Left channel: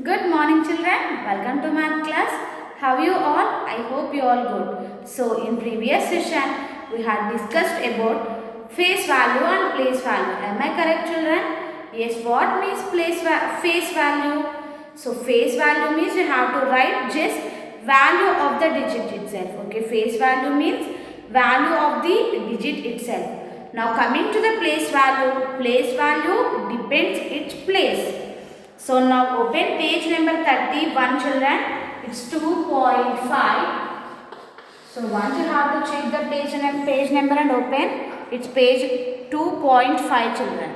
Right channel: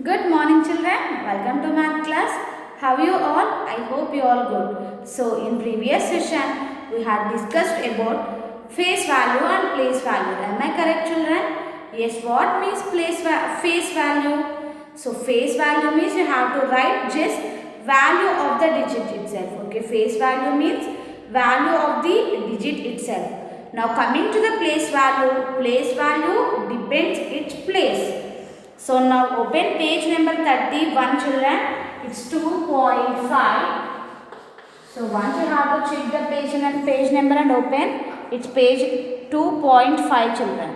Good morning children, welcome to math class. How are you all? I hope you all good. So in previous session we had discussed about face value and place value. Am I correct children? Yes, what means face value? So face value means you have to write just value of the digit itself. Okay, face value means value of the digit itself. Now coming to the place value depends its place. So now open page number 31 children. It's 2.5. So once you have to check the page number and open, it's page 2.5 children.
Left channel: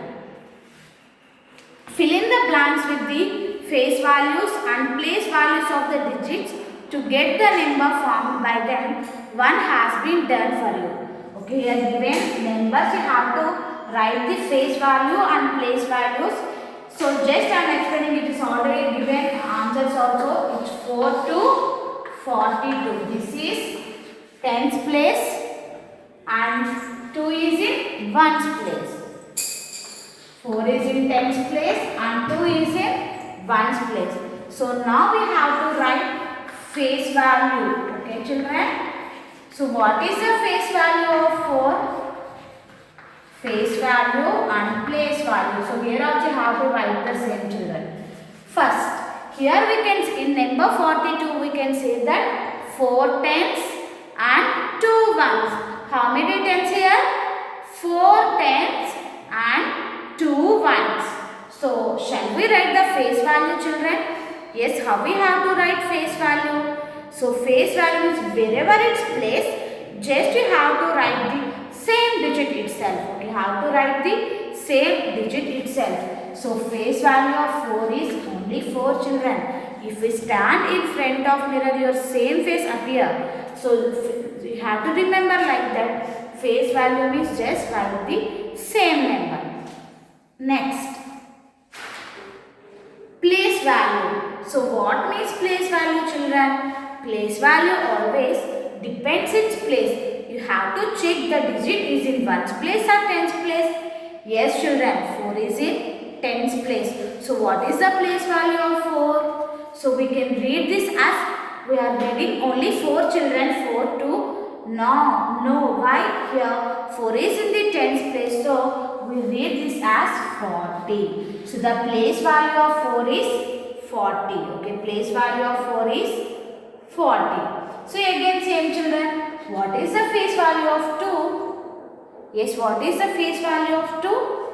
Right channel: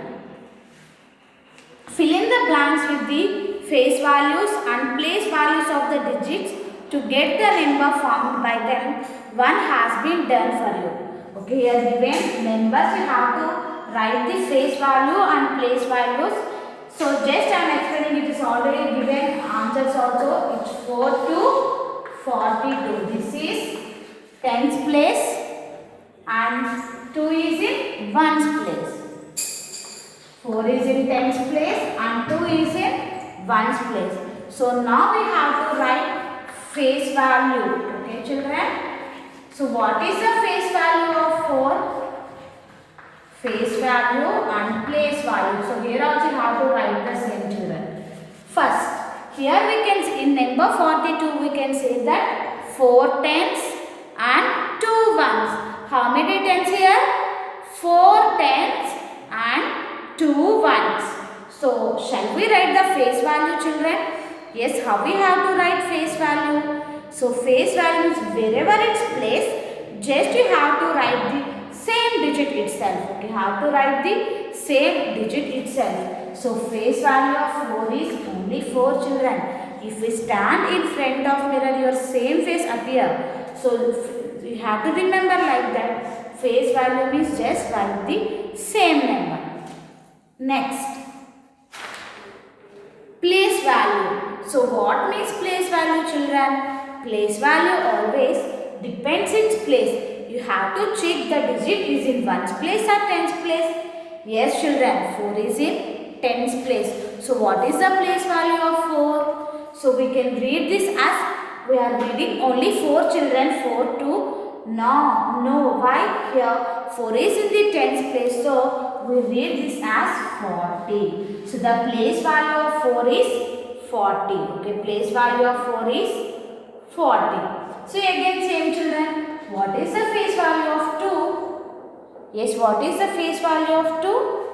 Fill in the blanks with the face values and place values of the digits to get the number formed by them. One has been done for you. Okay, here given numbers you have to write the face value and place values. So just I am explaining, it is already given answers also. It's 4 to 42. This is tens place and 2 is in ones place. 4 is in tens place and 2 is in ones place. So now we have to write face value. Okay children. So what is the face value of 4? Face value and place value. So here also you have to write the same children. First, here we can see in number 42 we can say that 4 tens and 2 ones. How many tens here? 4 tens and 2 ones. So shall we write the face value children? Yes, how we have to write face value? So face value is wherever it's placed, just you have to write the same digit itself. Okay, have to write the same digit itself. So face value of 4 is only 4 children. If we stand in front of mirror, your same face appear. So you have to remember like that. Face value means just write the same number. Next, place value. So what means place value children? Place value always depends its place. You have to check the digit is in ones place or tens place. Yes children, 4 is in tens place. So what is the place value of 4? So we can read this as we are reading only 4 children, 4 to no. Why here 4 is in the tens place, so we read this as 40. So the place value of 4 is 40. Okay, place value of 4 is 40. So again same children. What is the face value of 2? Yes, what is the face value of 2?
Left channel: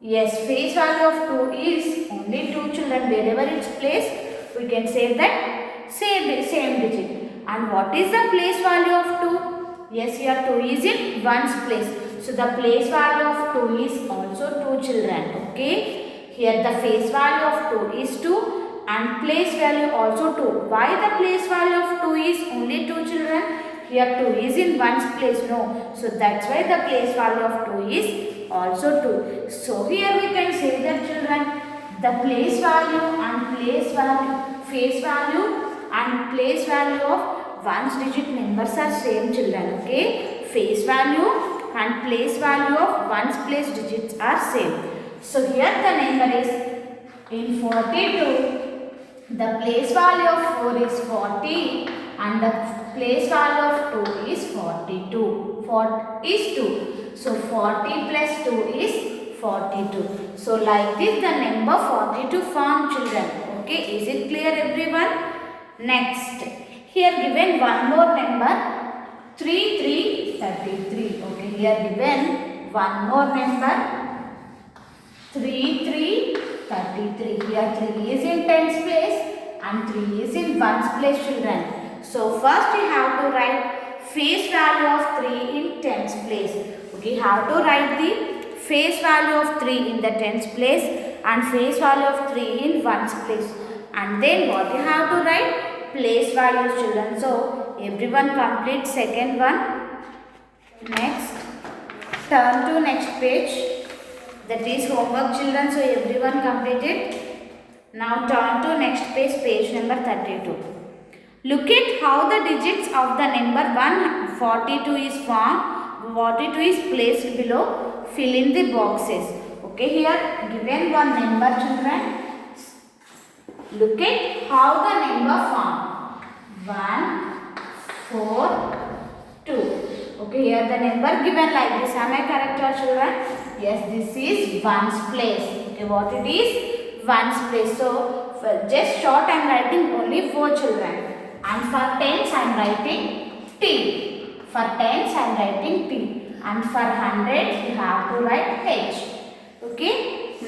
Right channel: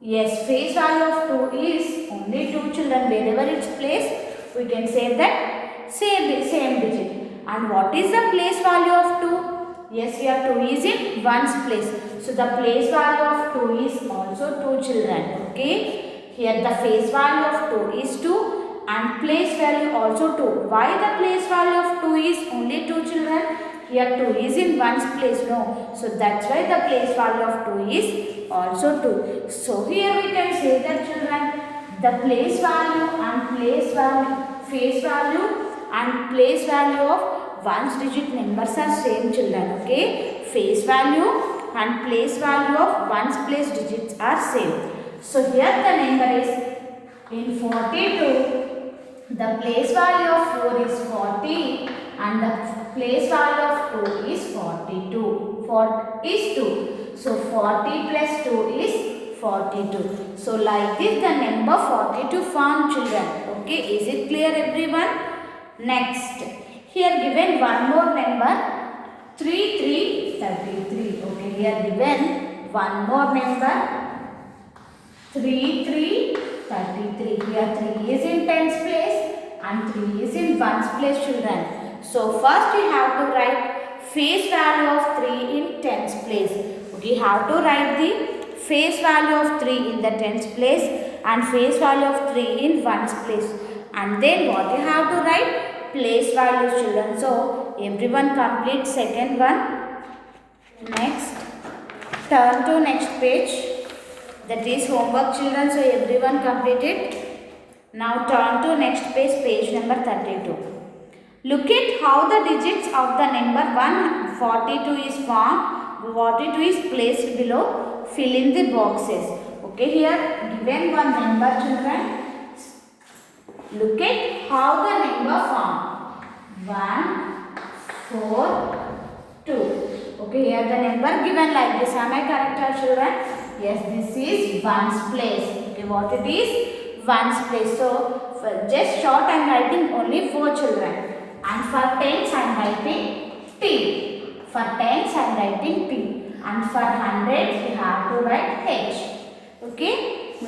Yes, face value of 2 is only 2 children. Wherever it's placed, we can say that same digit. And what is the place value of 2? Yes, here 2 is in ones place. So the place value of 2 is also 2 children. Okay. Here the face value of 2 is 2. And place value also 2. Why the place value of 2 is only 2 children? Here 2 is in ones place. No. So that's why the place value of 2 is also 2. So here we can say that children, the place value and face value and place value of ones digit numbers are same children. Okay. Face value and place value of ones place digits are same. So here the number is in 42. The place value of 4 is 40 and the place value of 2 is 42. 4 is 2. So 40 plus 2 is 42. So like this the number 42 formed children. Okay, is it clear everyone? Next, here given one more number 33. Okay, here given one more number 33. Here 3 is in tens place and 3 is in ones place children. So first you have to write face value of 3 in tens place. Okay, you have to write the face value of 3 in the tens place and face value of 3 in ones place. And then what you have to write? Place values children. So everyone complete second one. Next, turn to next page. That is homework children, so everyone completed. Now turn to next page, page number 32. Look at how the digits of the number 142 is formed. 42 is placed below. Fill in the boxes. Okay, here given one number children. Look at how the number formed. 1, 4, 2. Okay, here the number given like this. Am I correct, your children? Yes, this is ones place. Okay, what it is? Ones place. So, for just short I am writing only 4 children. And for tens I am writing T. For tens I am writing T. And for hundreds you have to write H. Okay,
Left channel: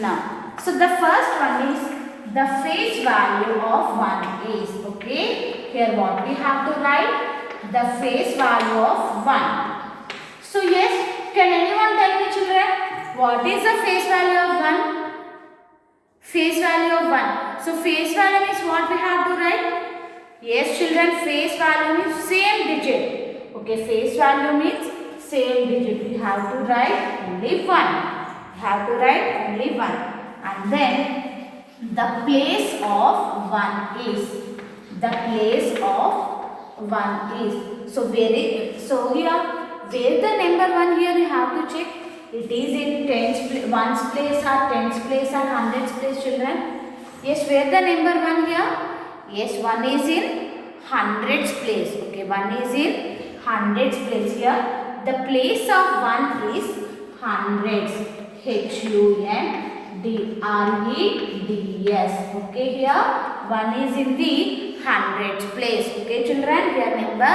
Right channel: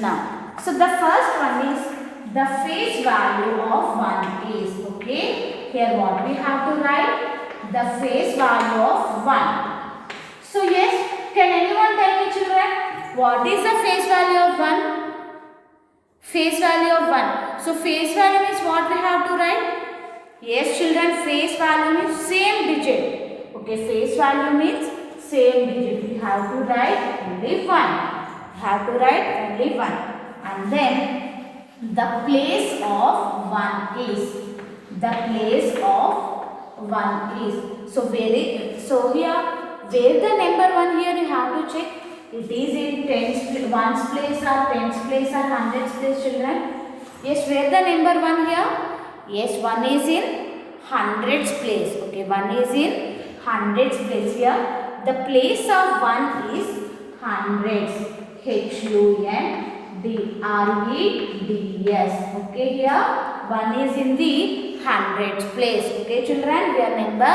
now. So, the first one is the face value of 1 is. Okay, here what we have to write? The face value of 1. So yes, can anyone tell me children, what is the face value of 1? Face value of 1. So face value means what we have to write? Yes children, face value means same digit. Okay, face value means same digit. We have to write only 1. We have to write only 1. And then the place of 1 is. The place of 1 is. So here where the number 1 here you have to check. It is in tens, ones place or tens place or hundreds place children. Yes, where the number 1 here? Yes, 1 is in hundreds place. Okay, 1 is in hundreds place here. The place of 1 is hundreds. HUNDREDS. Okay, here 1 is in the hundreds place. Okay children, here number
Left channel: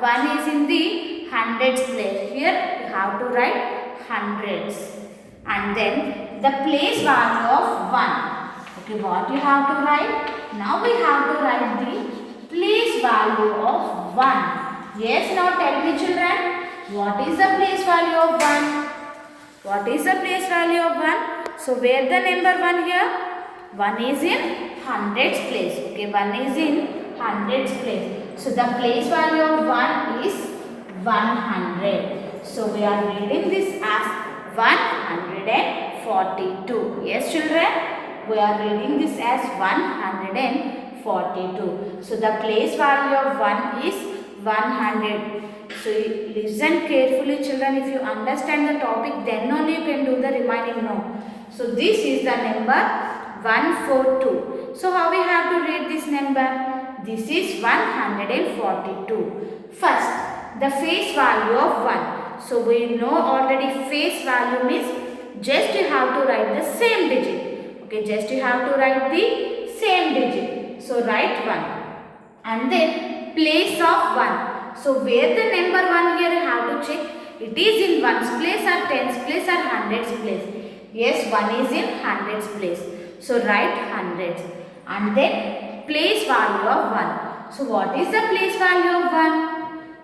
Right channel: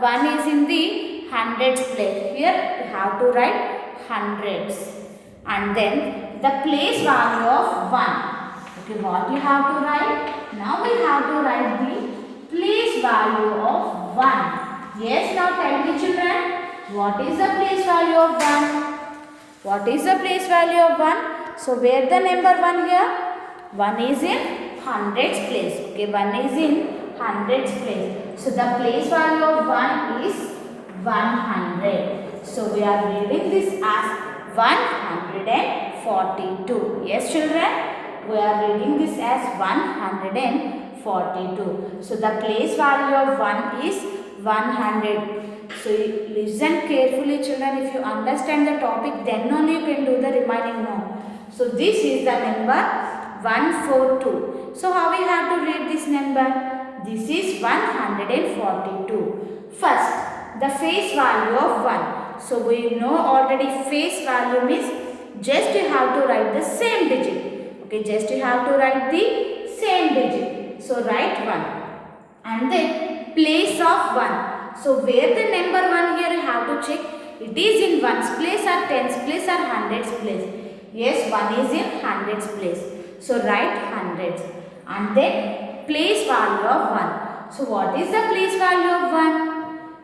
1 is in the hundreds place. Here you have to write hundreds. And then the place value of 1. Okay, what you have to write? Now we have to write the place value of 1. Yes, now tell me children, what is the place value of 1? What is the place value of 1? So where the number 1 here? 1 is in hundreds place. Okay, 1 is in hundreds place. So the place value of 1 is 100. So we are reading this as 142. Yes children, we are reading this as 142. So the place value of 1 is 100. So listen carefully children, if you understand the topic then only you can do the remaining now. So this is the number 142. So how we have to read this number? This is 142. First, the face value of 1. So we know already face value means just you have to write the same digit. Okay, just you have to write the same digit. So write 1. And then place of 1. So where the number 1 here you have to check. It is in ones place or tens place or hundreds place. Yes, 1 is in hundreds place. So write hundreds. And then place value of 1. So what is the place value of 1?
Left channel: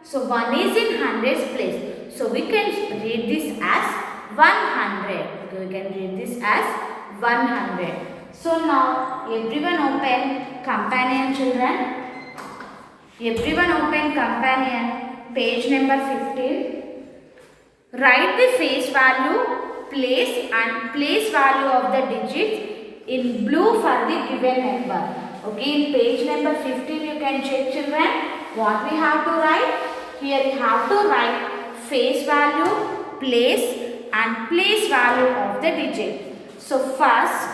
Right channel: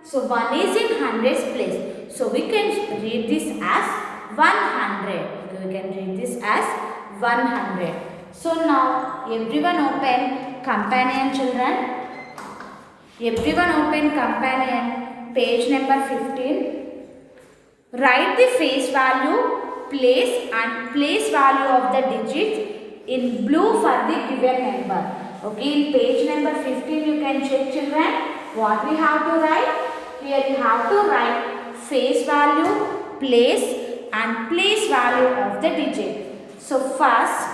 So 1 is in hundreds place. So we can read this as 100. So we can read this as 100. So now everyone open companion children. Everyone open companion, page number 15. Write the face value, place and place value of the digits in blue for the given number. Okay, in page number 15 you can check children what we have to write. Here you have to write face value, place and place value of the digit. So first,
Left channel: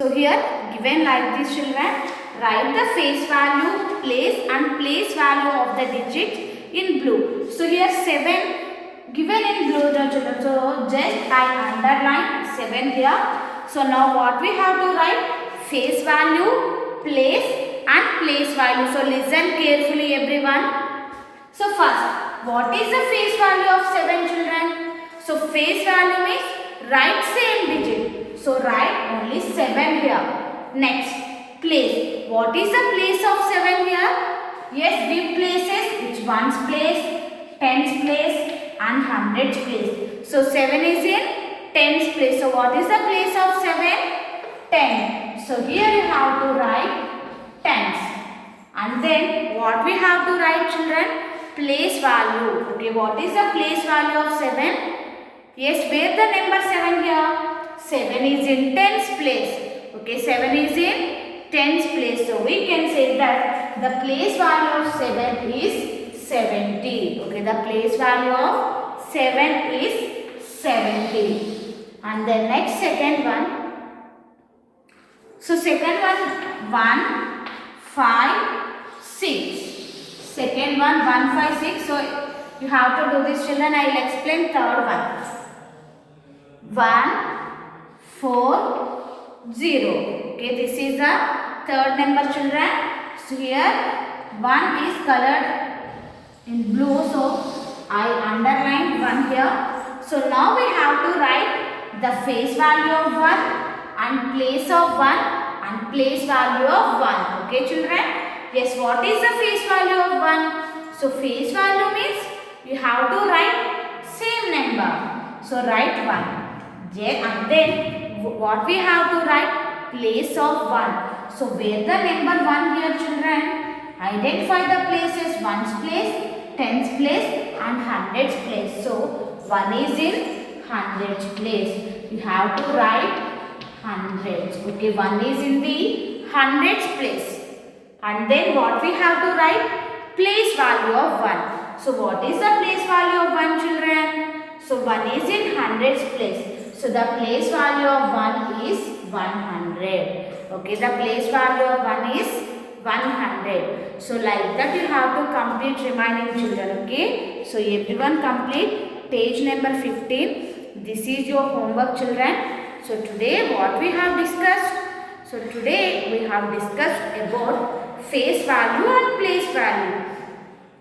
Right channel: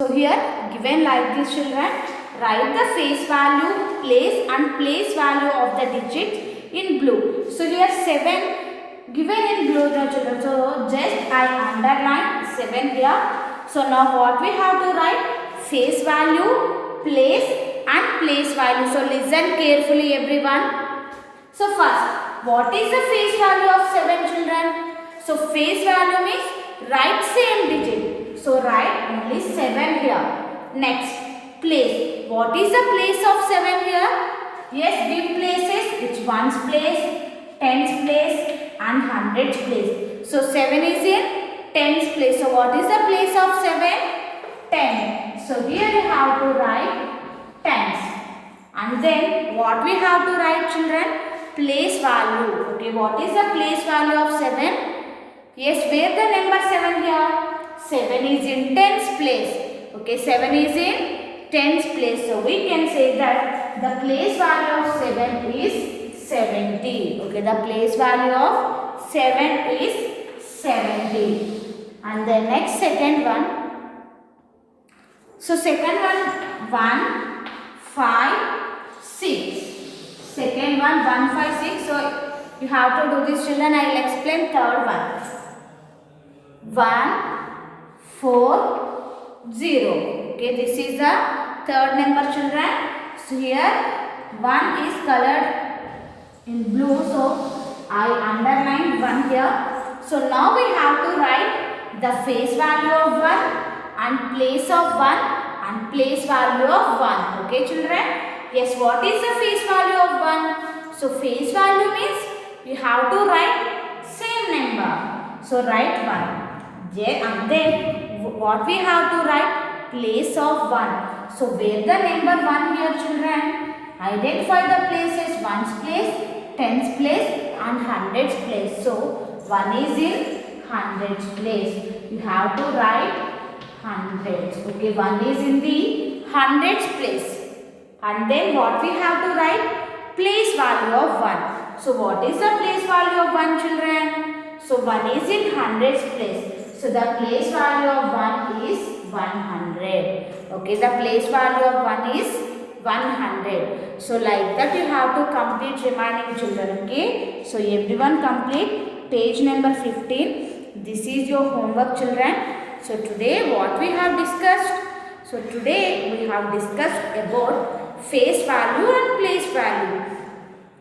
so here given like this children, write the face value, place and place value of the digit in blue. So here 7 given in blue children. So just I underline 7 here. So now what we have to write? Face value, place and place value. So listen carefully everyone. So first, what is the face value of 7 children? So face value means write same digit. So write only 7 here. Next, place. What is the place of 7 here? Yes, give places. It's ones place, tens place and hundreds place. So 7 is in tens place. So what is the place of 7? 10. So here you have to write tens. And then what we have to write children? Place value. Okay, what is the place value of 7? Yes, where the number 7 here? 7 is in tens place. Okay, 7 is in tens place. So we can say that the place value of 7 is 70. Okay, the place value of 7 is 70. And the next second one. So second one 1, 5, 6. Second one 1, 5, 6. So you have to do this, children. I will explain third one. 1, 4, 0. Okay, this is the third number, children. So here 1 is colored in blue, so I underlined 1 here. So now we have to write the face value of 1 and place of 1 and place value of 1. Okay, children? Yes, what is the face value of 1? So face value means you have to write same number. So write 1. And then what we have to write? Place of 1. So where the number 1 here, children? Identify the places: ones place, tens place and hundreds place. So 1 is in hundreds place. You have to write hundreds. Okay, 1 is in the hundreds place. And then what we have to write? Place value of 1. So what is the place value of 1, children? So 1 is in hundreds place. So the place value of 1 is 100. Okay, the place value of 1 is 100. So like that you have to complete remaining, children. Okay. So everyone complete page number 15. This is your homework, children. So today what we have discussed? So today we have discussed about face value and place value.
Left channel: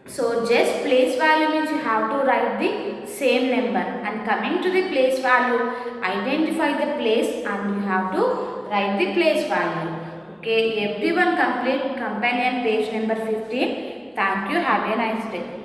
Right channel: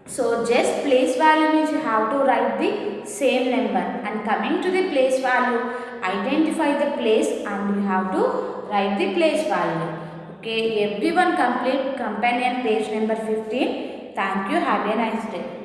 So just place value means you have to write the same number, and coming to the place value, identify the place and you have to write the place value. Okay, everyone complete companion page number 15. Thank you. Have a nice day.